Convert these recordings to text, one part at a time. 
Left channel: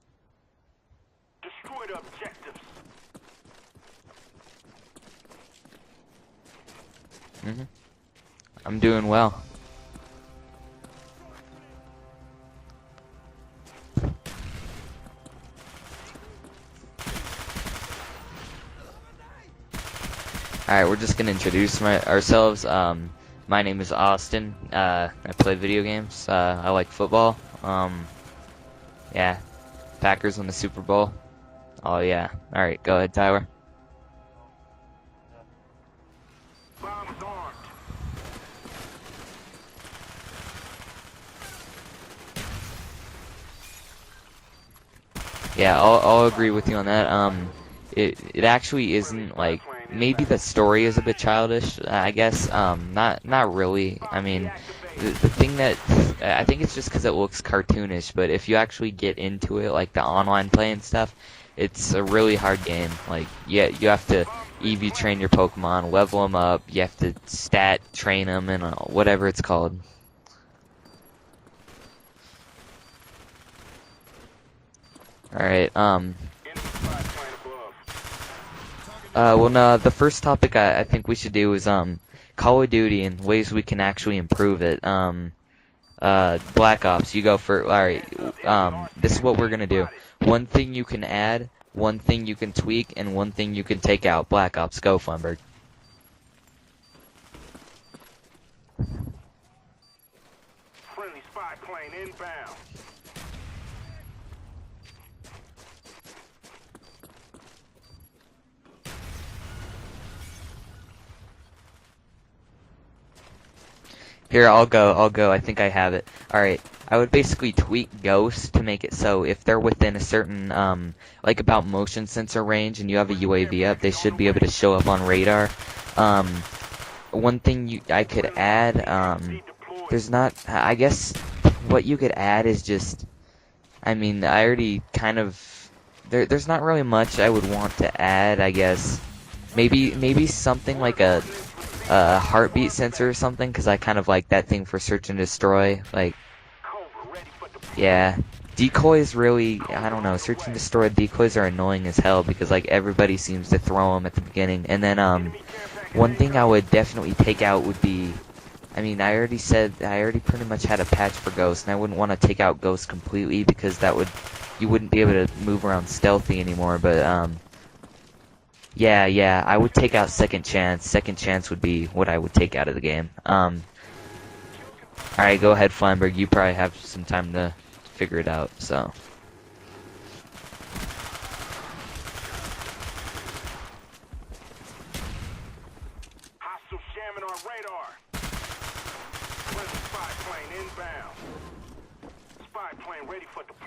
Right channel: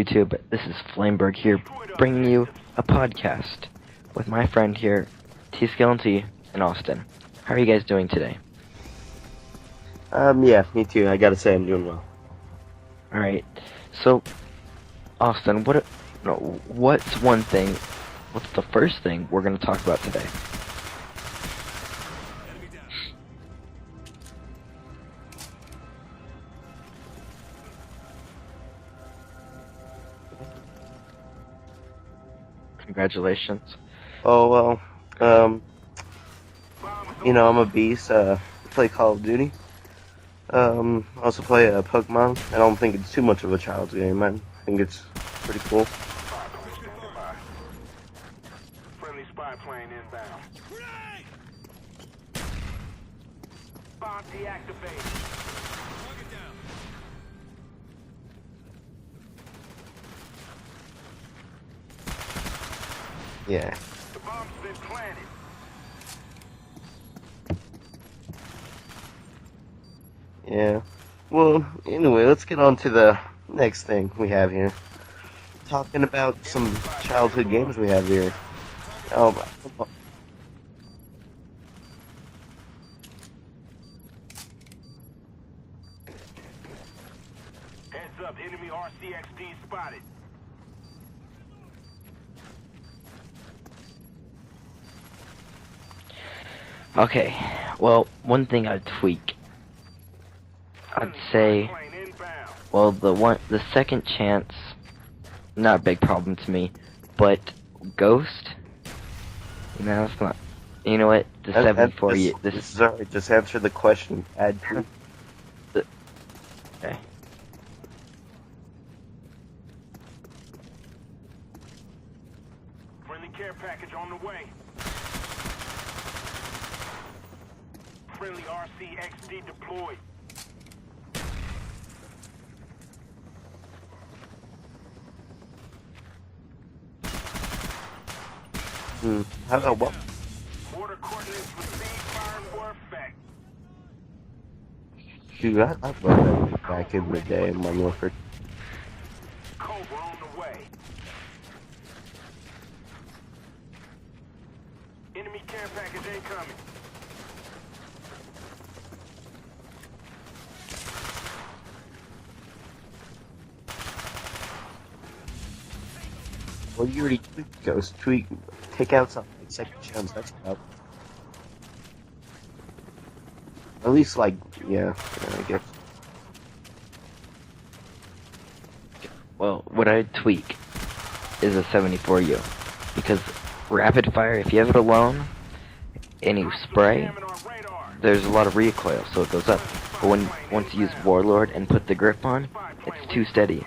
YouTube? This is Flameburg here, bringing you a podcast with my friend here, TSkillenT in Austin. How are you guys doing today? I'm doing well. Yeah, me too. I gotta say I'm doing well. Alright, so, Austin, what's the first thing we're going to talk about today? Alright, we're just going to introduce ourselves. My name is Austin. I play video games. I like football. Yeah. Packers won the Super Bowl. Oh, yeah. Alright, go ahead, Tyler. Congratulations. Oh, well, I'm a beast. I play Call of Duty. Also play Pokemon. I don't think it's too much of a child's game. I think it's pretty Yeah, cool. I'll agree with you on that. It actually isn't, like, maybe the story is a bit childish, I guess. Not really. I mean, the thing that, I think it's just because it looks cartoonish, but if you actually get into it, like the online play and stuff, it's a really hard game. Like, yeah, you have to EV train your Pokemon, level them up, you have to stat train them, and whatever it's called. Yeah. Well, anyway, let's get on to the next thing we have here. Alright, Talking about some childhood games we have here. well, no, the first topic I think we should do is, Call of Duty and ways we can actually improve it. Black Ops, you go for, alright, this is what we're gonna do. One thing you can add, one thing you can tweak, and one thing you can take out. Black Ops, go, Flameburg. Okay, well, one thing I'd tweak, I'd say, well, the second chance, not a big problem to me, but Ghost, no, it's not. You know what? The 74 Sorry, just answer the question. Here, I'll go. I think I have it. Alright, I would basically tweak Ghost to make it so if they're within a certain, like about motion sensor range and you have a UAV up, they should be able to show up on radar. One thing I could add, there's not, I guess what you could add is just, I mean, I already kind of, there's not really much I would want to add, I guess. Maybe something like a heartbeat sensor or something, because I kind of like that thing for search and destroy. Like, back in the day. yeah, decoys really, I don't know, search and destroy decoys are annoying as hell because like everybody seems to throw them at the beginning. And then one thing I would definitely take out would be, I mean, I already pretty much had a patch for Ghost, and I wouldn't want to take out Ghost completely because you wouldn't be able to move around stealthy anymore. But Ghost tweak. yeah, I would take out Second Chance. Second Chance would be what I would take out of the game. At least, like, yeah. Alright, go ahead, Flameburg. You probably have some time to figure it out, so. Well, what I'd tweak is a 74U, because rapid fire, if you have it alone and you spray, there's a lot of recoil, so it goes up. But once you use Warlord and put the grip on, it's too steady,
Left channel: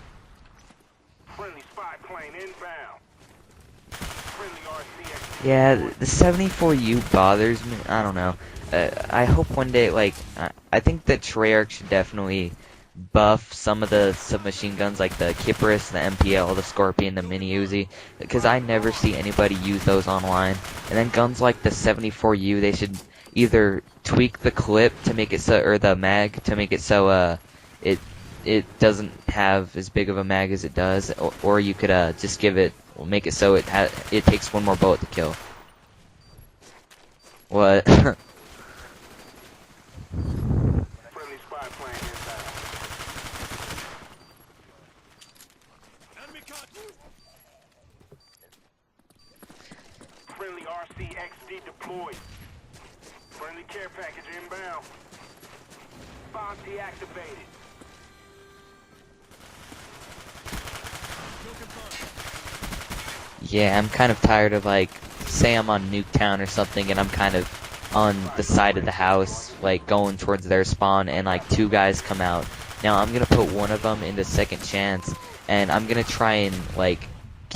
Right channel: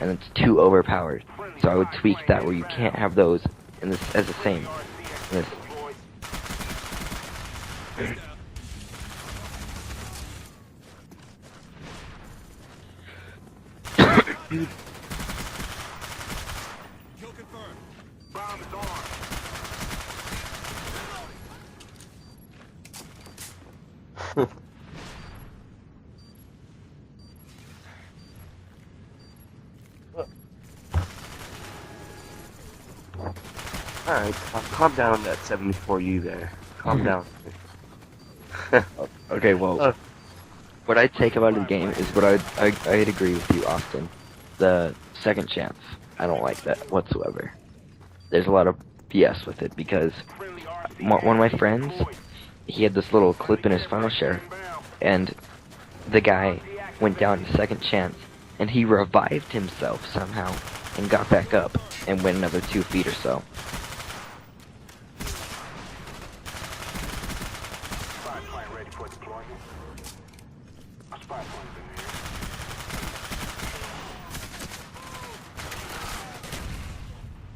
and it's too overpowered. So I would tweak that where you can't have those as the same. Yeah, the 74U bothers me. I don't know. I hope one day, like, I think that Treyarch should definitely buff some of the submachine guns, like the Kypris, the MPL, the Scorpion, the Mini Uzi, because I never see anybody use those online. And then guns like the 74U, they should either tweak the clip to make it so, or the mag to make it so it doesn't have as big of a mag as it does, or you could just make it so it takes one more bullet to kill. Calm down, that 74U there. Calm down. What? Okay, well, what I'd take about the game is what I'd agree with you, Austin. The second chance, I don't like that whatsoever. There's a lot of BS with it because one of my friends, he had this little clip in his file share, and the guy went down to second chance, and he revived himself somehow and got back up and went another 2 feet or so. Yeah, I'm kind of tired of, like, say I'm on Nuketown or something and I'm kind of on the side of the house, like going towards their spawn, and like 2 guys come out. Now I'm gonna put one of them into second chance, and I'm gonna try and like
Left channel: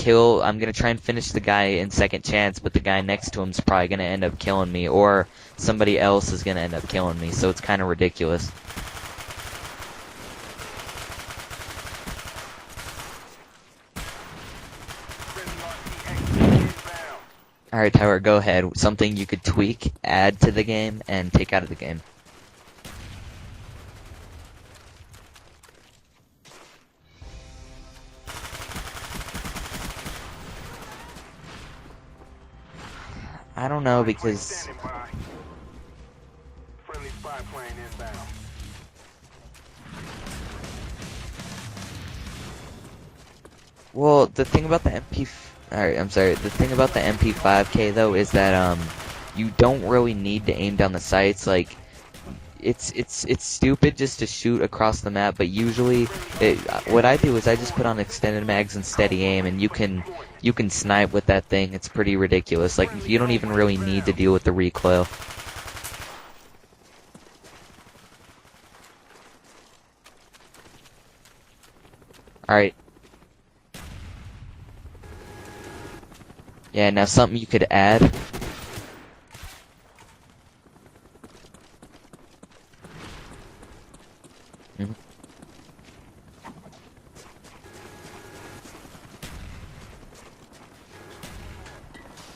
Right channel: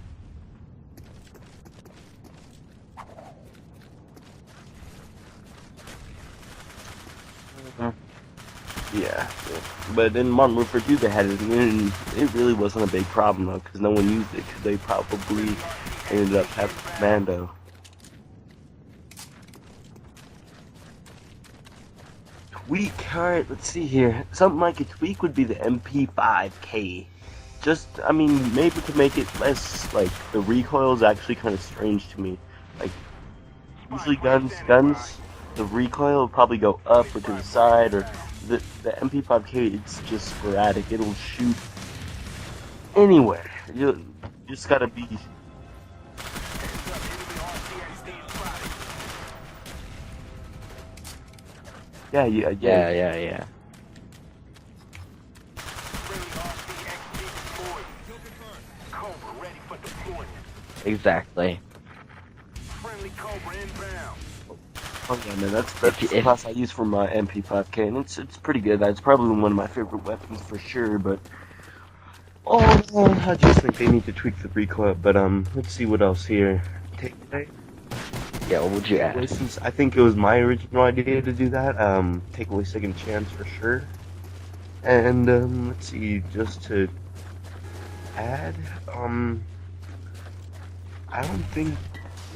I'm gonna try and finish the guy in second chance, but the guy next to him's probably gonna end up killing me, or somebody else is gonna end up killing me, so it's kind of ridiculous. Yeah. But in Modern Warfare 2 they had it, and it really wasn't a big problem though, because no one used it, because they probably ended up having Mando. Alright, Tyler, go ahead. Something you could tweak, add to the game, and take out of the game. Tweak? Alright, let's see here. Something I could tweak would be the MP5K. just, I mean, maybe to make it less, like, the recoil is actually kind of strange to me. Like, I don't know usually because guns, the recoil will probably go up or to the side, or the MP5K, it's just sporadic. It'll shoot anywhere. well, the thing just about the gotta MP, alright, I'm sorry. The thing about the MP5K though is that you don't really need to aim down the sights. Like, Yeah, it's stupid just to shoot across the map, but usually what I do is I just put on extended mags and steady aim, and you can snipe with that Exactly. thing. It's pretty ridiculous. Like, you don't even really need to deal with the recoil. Oh yeah, man, that's the class I use for my MP5K, and it's pretty good. It's probably one of my favorite weapons for sure. But Alright. I just think they need to tweak the recoil. But let's see what else here. Yeah, now something you could add. Yeah, what would you add? Since I think it was my original idea to do that, take away second chance for sure. Mhm. And let's see, just to add, I don't think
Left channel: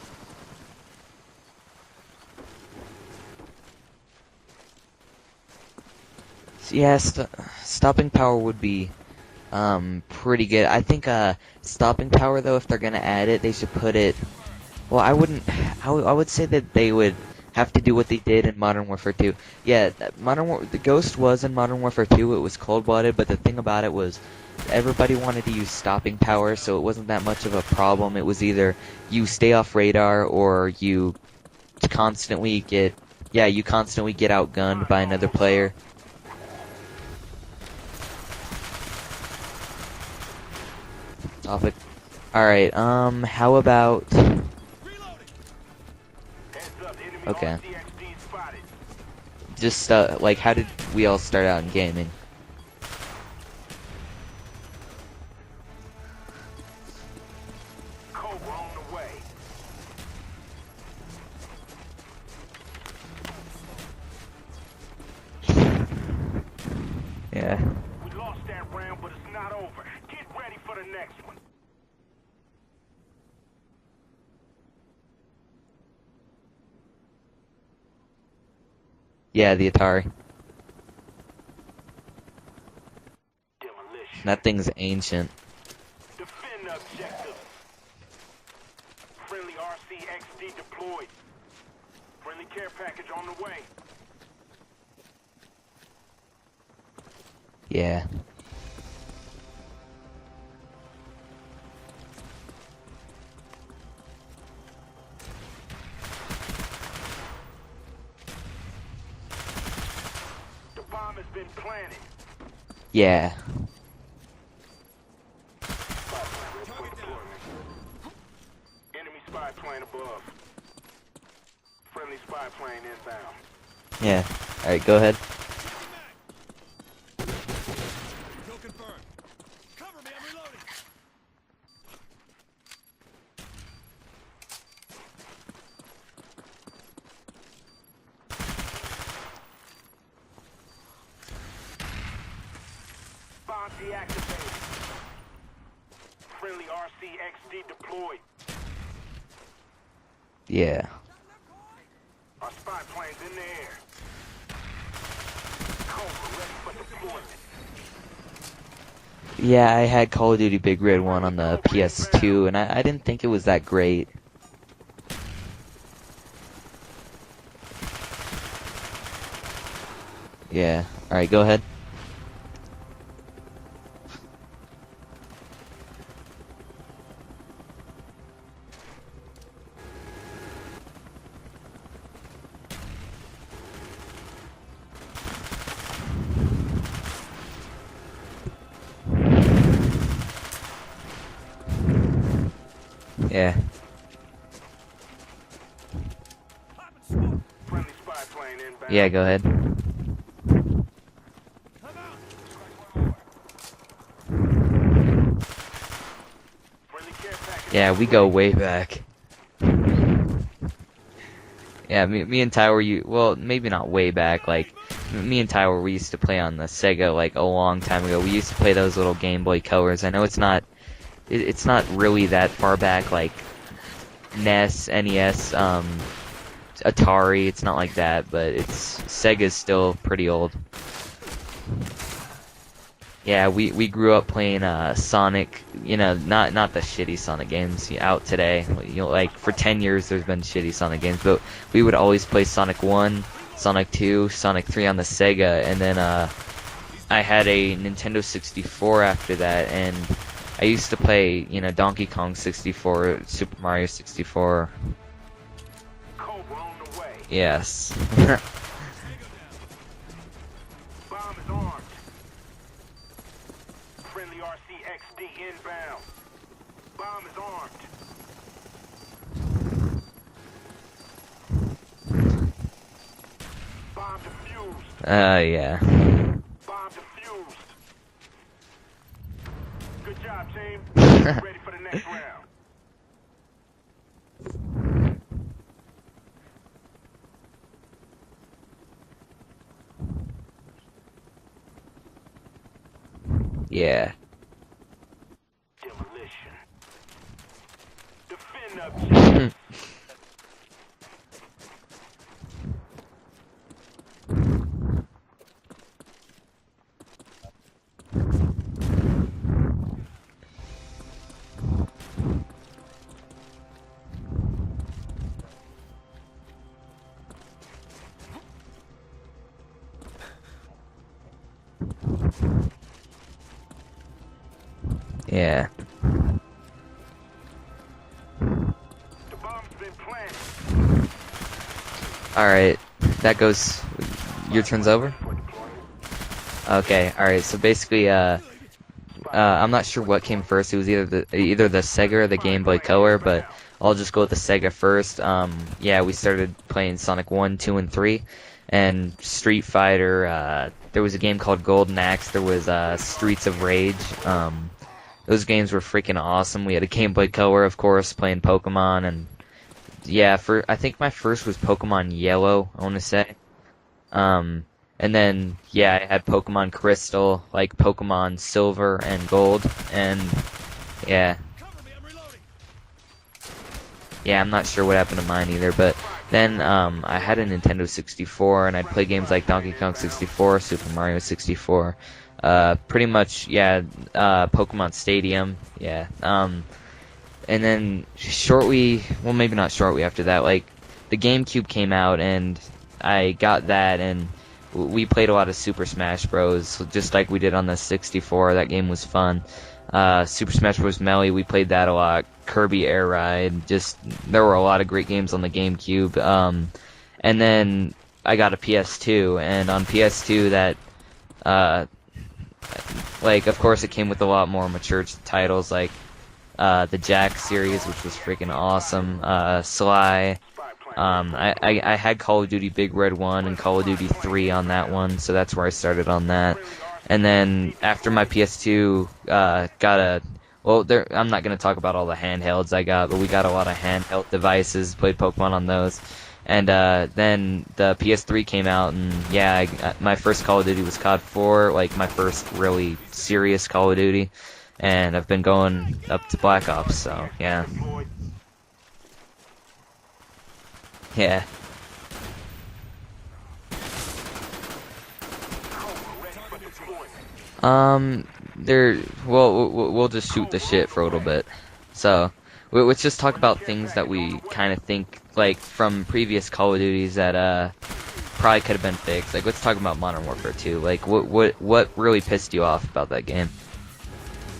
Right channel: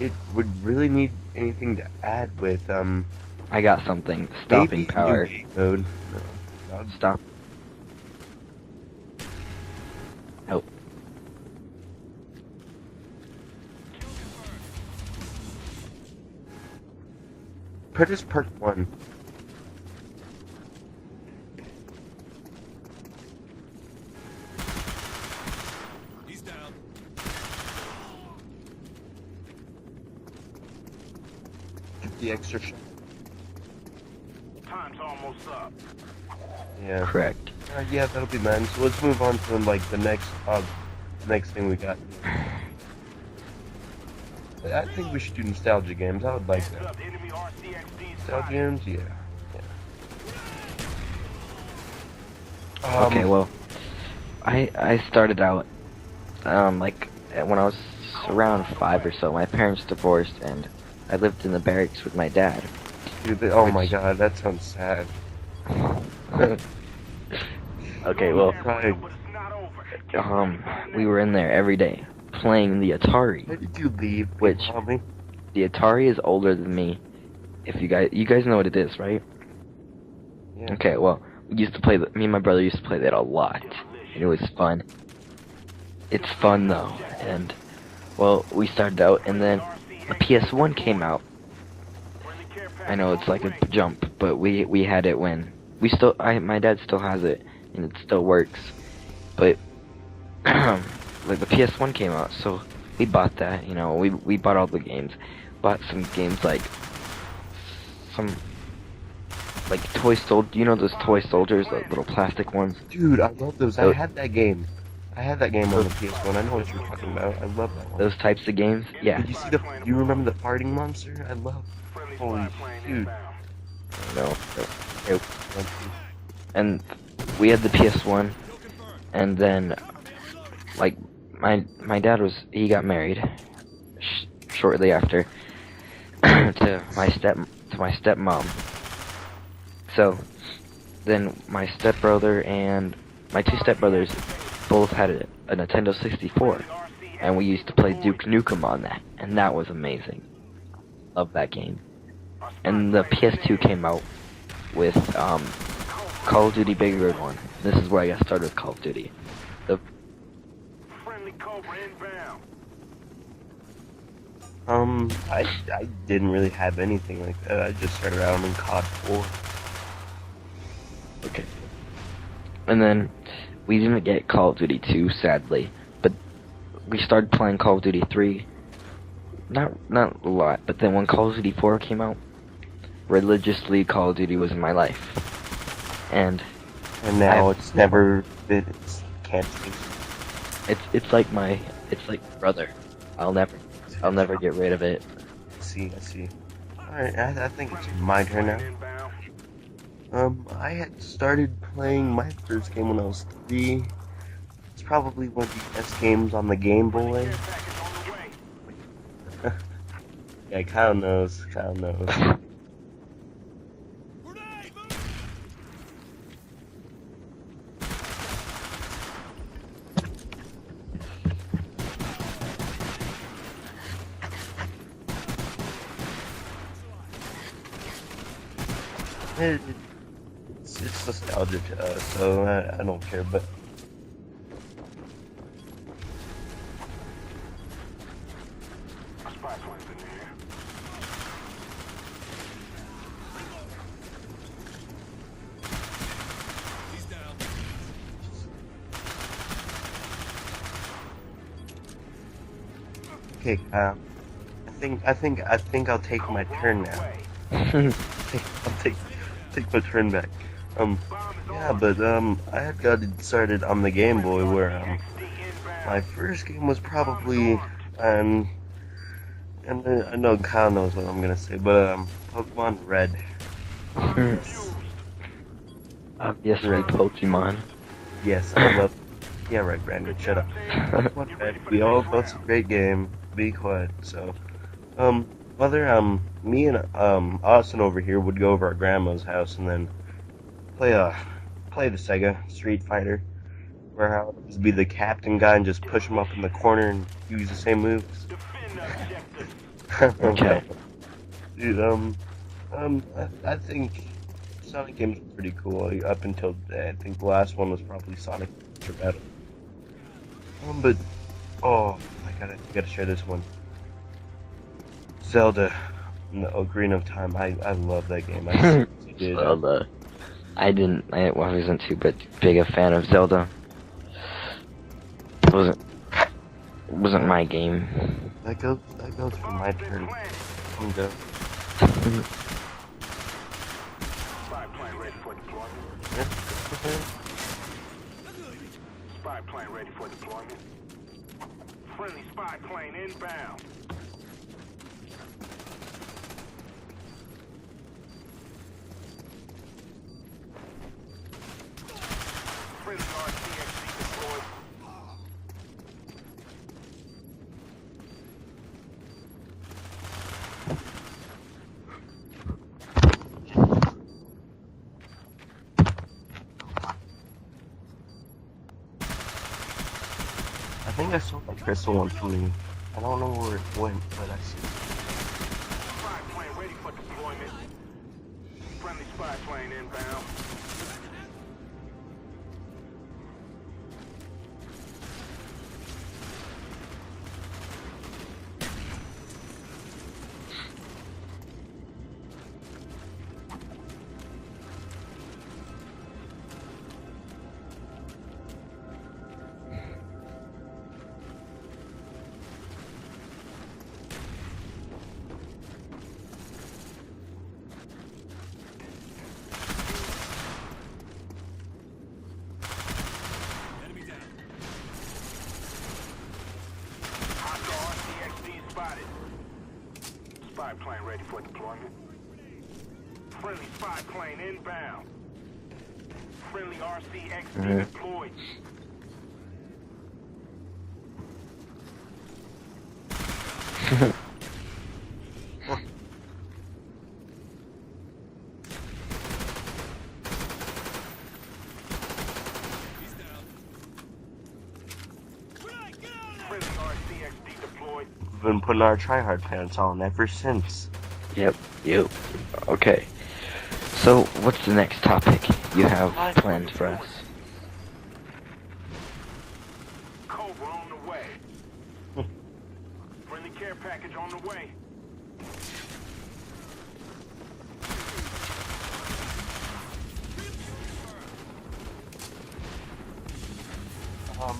it would really need anything to add with I got something. Stopping maybe power. new game mode. Yeah, Stop. stopping power would be pretty good. I think stopping power though, if they're gonna add it, they should put it. Well, I wouldn't. I would say that they would have to do what they did in Modern Warfare 2. Yeah, the Ghost was in Modern Warfare 2. It was cold-blooded, but the thing about it was everybody wanted to use stopping power, so it wasn't that much of a problem. It was either you stay off radar or you constantly get outgunned by another player. Yeah. Correct. Yeah, that'll be nice. So let's move on to like the next thing we got. All right. How about? I think we should do nostalgia games. I would like that. Okay. Nostalgia games, yeah. Just like, how did we all start out in gaming? Okay, well, I started out like when I was around 5 or so. My parents divorced, and I lived in the barracks with my dad. Dude, oh my god, that sounds sad. Yeah. Okay, well, we were in there every day playing the Atari. Why did you leave? Which- Probably. The Atari is older than me. If you guys know what it is, right? Yeah, the Atari. Yeah. Okay, well, we used to play. Me and my brother used to play that a lot. It That was thing's fun. ancient. It's fun though, and well, we started out, and then a PS1 came out. I know it's like a jump, but we had it when my dad still has it. Yeah. It still works, but like the PS1 came out, so we bought that. You know, we bought all the games, bought some games like toy soldier. You know those toy soldiers, like little plastic ones. Dude, Yeah. I love those. I had that game. I had that game on the PS1. I know what you're talking about. I love that one. Those types of games. Yeah. Did you see you remember the farting monster? I love. Holy dude. Yeah. All right, go ahead. And we had the PS1, and then like my dad he got married shortly after to my stepmom. So then my stepbrother and my two stepbrothers both had a Nintendo 64, and we used to play Duke Nukem on that, and that was amazing. Yeah. Love that game. And the PS2 came out with Call of Duty Big Red 1. This is where I got started with Call of Duty. Yeah, I had Call of Duty Big Red 1 on the PS2, and I didn't think it was that great. I didn't really have anything like that. I just started out in COD 4. Yeah. All right, go ahead. And then we didn't get Call of Duty 2, sadly, but we started playing Call of Duty 3. Not a lot, but then when Call of Duty 4 came out, religiously Call of Duty was in my life. And now it's never been. It's like my brother. I'll never get rid of it. See. Alright, I think it's my turn now. Yeah, go ahead. I had started playing my first game when I was 3. It's probably one of the best games on the Game Boy. Yeah, we go way back. Yeah, Kyle knows. Yeah, me and Ty well, maybe not way back. Like, me and Ty we used to play on the Sega like a long time ago. We used to play those little Game Boy Colors. I know it's not really that far back, like NES, NES, Atari. It's not like that, but Sega's still pretty old. It's nostalgia to us, so I don't care. Yeah, we grew up playing Sonic. You know, not the shitty Sonic games out today. You know, like for 10 years there's been shitty Sonic games, but we would always play Sonic 1, Sonic 2, Sonic 3 on the Sega, and then I had a Nintendo 64 after that, and I used to play, you know, Donkey Kong 64, Super Mario 64. I think I'll take my turn now. Yes. I'll take my turn back. Yeah, but I had gotten started on the Game Boy where my first game was probably and I know Kyle knows what I'm gonna say, but Pokemon Red. Yeah. Yes, right, Pokemon. Yes, I love. Yeah, right, Brandon. Shut up. We all thought it's a great game. Be quiet. So, me and Austin over here would go over our grandma's house and then play the Sega Street Fighter. Yeah. Or how it would be the captain guy and just push him up in the corner and use the same moves. Okay. Dude, I think Sonic games were pretty cool up until I think the last one was probably Sonic. But I gotta share this one. Zelda, the Ocarina of Time. I love that game. I did. Zelda. I wasn't too big a fan of Zelda. Yeah. Wasn't my game. That goes for my turn. Alright, that goes. Your turn's over? Okay, alright, so basically, I'm not sure what came first. It was either the Sega or the Game Boy Color, but I'll just go with the Sega first. Yeah, we started playing Sonic 1, 2, and 3, and Street Fighter. There was a game called Golden Axe. There was Streets of Rage. Those games were freaking awesome. We had a Game Boy Color, of course, playing Pokemon, and yeah, I think my first was Pokemon Yellow, I want to say. And then, yeah, I had Pokemon Crystal, like Pokemon Silver and Gold, and I think yeah. I saw the Crystal one for me. I don't know where it went. Yeah, I'm not sure what happened to mine either, but then I had a Nintendo 64, and I'd play games like Donkey Kong 64, Super Mario 64, pretty much, yeah, Pokemon Stadium, yeah, and then well, maybe not shortly after that, like, the GameCube came out, and I got that, and we played a lot of Super Smash Bros. Just like we did on the 64. That game was fun. Super Smash Bros. Melee, we played that a lot. Kirby Air Ride, there were a lot of great games on the GameCube. And then I got a PS2, and on PS2 that, like, of course it came with a lot more mature titles, like the Jack series, which was freaking awesome. Sly. I had Call of Duty Big Red 1 and Call of Duty 3 on that one, so that's where I started on that. And then after my PS2 I'm not going to talk about all the handhelds I got, but we got a lot of handheld devices, played Pokemon on those. And then the PS3 came out, and yeah, my first Call of Duty was COD 4, like my first really serious Call of Duty. And I've been going up to Black Ops, so yeah. We've been putting our tryhard pants on ever since. Yeah. Yep. Okay. So, what's the next topic you have planned for us? We'll just shoot the shit for a little bit. So, let's just talk about things that we kind of think, like, from previous Call of Duties that, probably could have been fixed. Like, let's talk about Modern Warfare 2. Like, what really pissed you off about that game?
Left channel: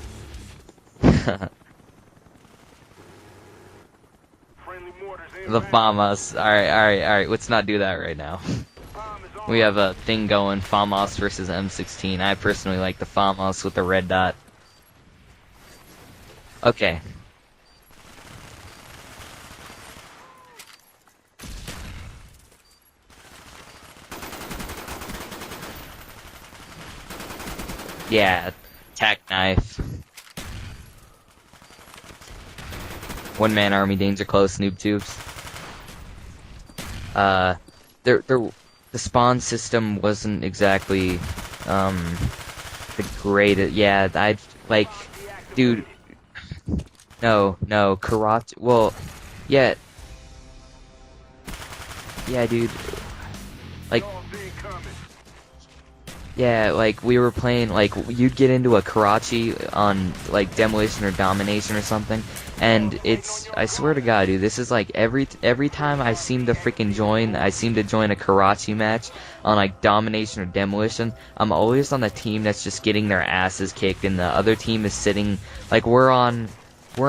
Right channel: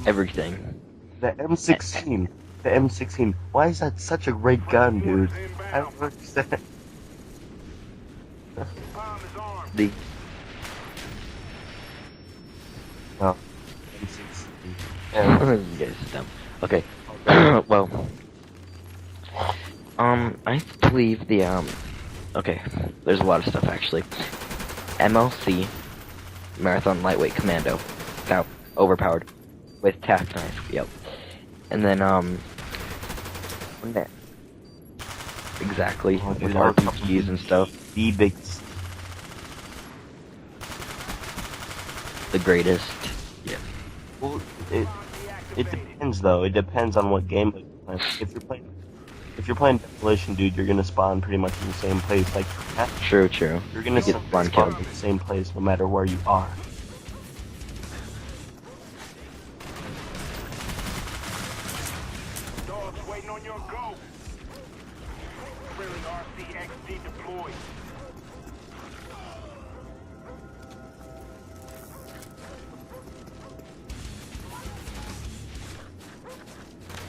Everything. The M16. The M16. Why is that such a great gun, dude? The FAMAS. Alright, let's not do that right now. We have a thing going, FAMAS versus M16. I personally like the FAMAS with the red dot. Okay. Well, I believe okay, there's a lot of stuff actually. MLC, Marathon Lightweight Commando. Yeah, overpowered. Tac knife. With tac knife, yep. And then, One-man army, danger close, noob tubes. Exactly. Oh, With dude, RPGs and stuff. The spawn system wasn't exactly, The greatest. Yeah, dude. It depends, though. It depends on what No, game. karate. Well, if you're Yeah. playing Demolition, dude, you're gonna spawn pretty much in the same place. Yeah, dude. True. You're gonna Like, get it's fun spawn kills. in the same place no matter where you are. Yeah, like we were playing, like you'd get into a Karachi on like Demolition or Domination or something, and I swear to God, dude, this is like every time I seem to join a Karachi match on like Domination or Demolition, I'm always on the team that's just getting their asses kicked, and the other team is sitting, like we're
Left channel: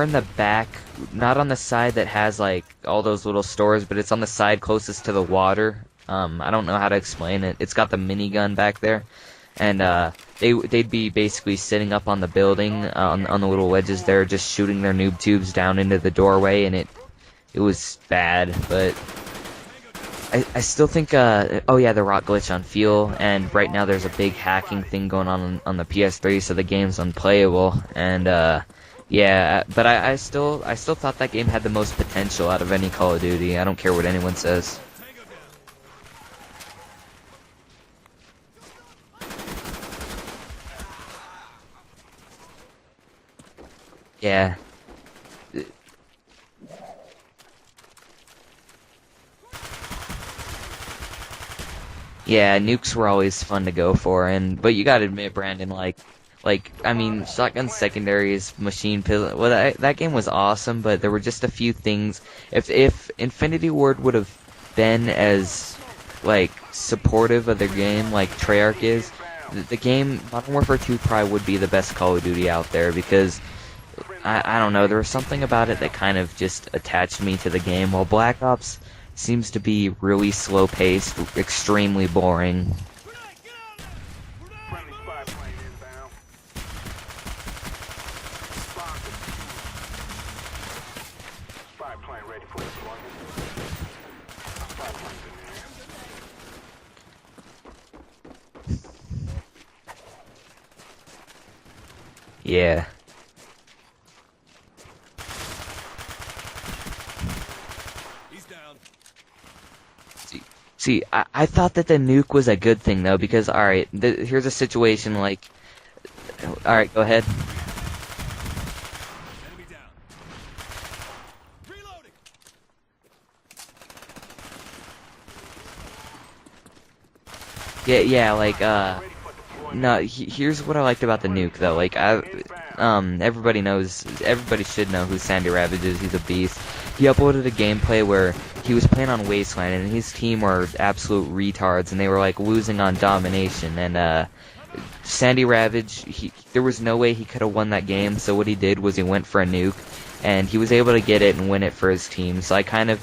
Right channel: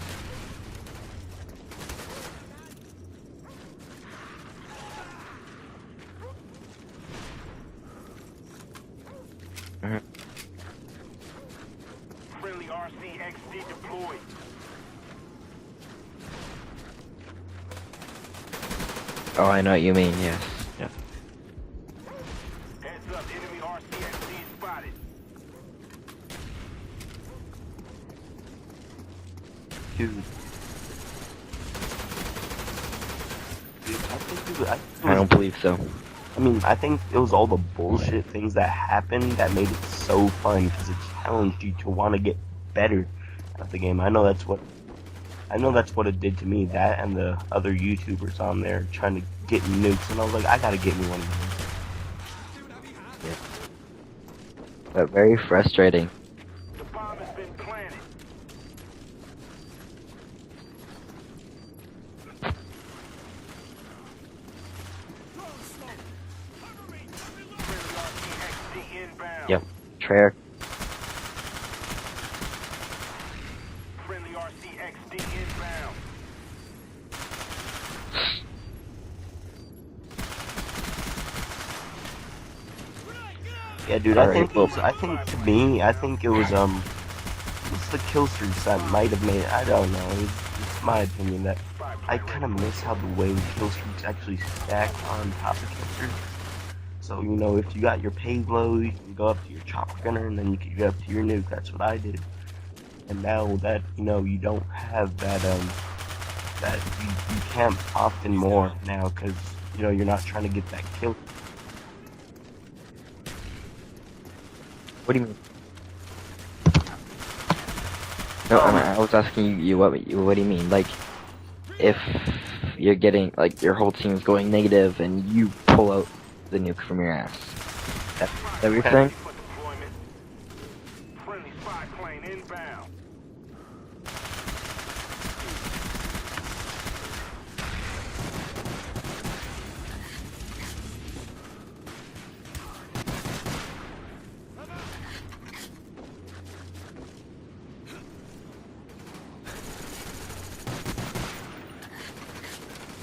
in the back, not on the side that has like all those little stores, but it's on the side closest to the water. I don't know how to explain it. It's got the minigun back there, and they'd be basically sitting up on the building on the little wedges there, just shooting their noob tubes down into the doorway, and it was bad. But Oh, I know what you mean. Yeah. I still think oh yeah, the rock glitch on fuel, and right now there's a big hacking thing going on the PS3, so the game's unplayable, and yeah, but I still thought that game had the most potential out of any Call of Duty. I don't care what anyone says. I don't believe so. I mean, I think it was all the bullshit things that happened that made it so fun because it challenged you to want to get better at the game. I know that's what it did to me. That and the other YouTubers on there trying to get nukes, and I was like, I gotta get me one of these. Yeah, nukes were always fun to go for, but you gotta Very admit, Brandon, frustrating. Like, I mean, Shotgun Secondaries, Machine Pistol, well, that game was awesome, but there were just a few things. If Infinity Ward would have been as, like, supportive of the game like Treyarch is, Yep. the game, Treyarch. Modern Warfare 2 probably would be the best Call of Duty out there, because, I don't know, there was something about it that kind of just attached me to the game, while Black Ops seems to be really slow-paced, extremely boring. Yeah, dude. Alright, I think to me, I think it was it's the kill streaks that might have made. I don't know. It's my opinion that I kind of miss how the way kill streaks actually stack on top of each other. So you know, if you got your payload, you can go up to your chopper gunner, and then you can go up to your nuke. That's what I did. Yeah. And now that you know, you don't have that that you can't often more now because you know you're not trying to get that. See, kill. I thought that the nuke was a good thing though, because alright, here's a situation like, alright, go ahead. No, I was asking you what do you mean? Like, if you're getting like your whole team's going negative and you pull out the nuke from your ass. Yeah, like Everything? no, here's what I liked about the nuke though. Like everybody should know who Sandy Ravage is. He's a beast. He uploaded a gameplay where he was playing on Wasteland and his team were absolute retards and they were like losing on Domination, and Sandy Ravage, there was no way he could have won that game, so what he did was he went for a nuke and he was able to get it and win it for his team. So I kind of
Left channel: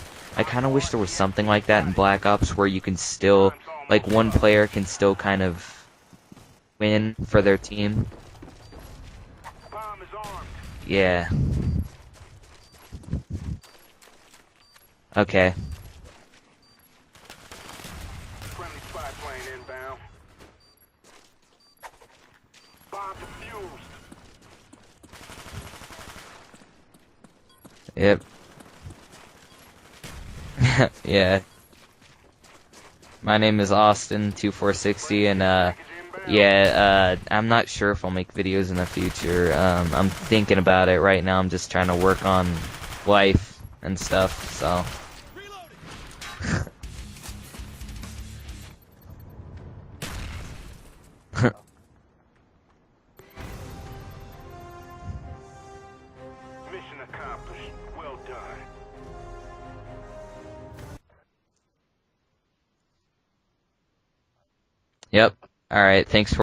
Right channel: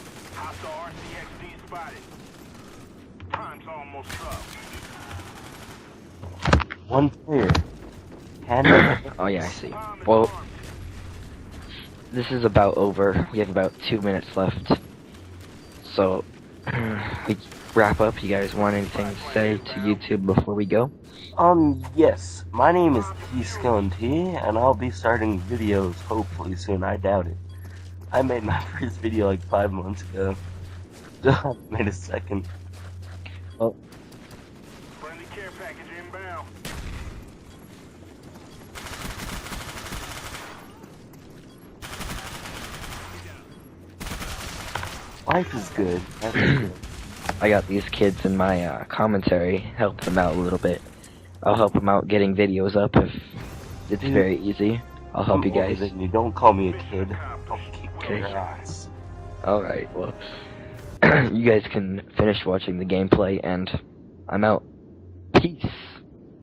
wish there was something like that in Black Ops where you can still, like, one player can still kind of win for their team. Oh yeah, I see. Well, Yeah. this is about over. We have about 2 minutes left. Okay. So, we wrap up. You guys want anything to say to YouTube before we go? Yes. My name is TSkillenT, and I'll be starting videos hopefully soon. I doubt it. I Yep. made my first video like 5 months ago. Yeah. I made a second. My name is austin123456, and yeah, I'm not sure if I'll make videos in the future. I'm thinking about it right now. I'm just trying to work on life and stuff, so. Life is good. Life is good. I got these kids in my commentary, helping them out a little bit. I'll help them out getting videos up if it's very easy. I'll help you guys. You don't call me a kid. Kick your ass. Alright, well, you guys can finish watching the gameplay, and I'm out. Yep. Peace. Alright, thanks for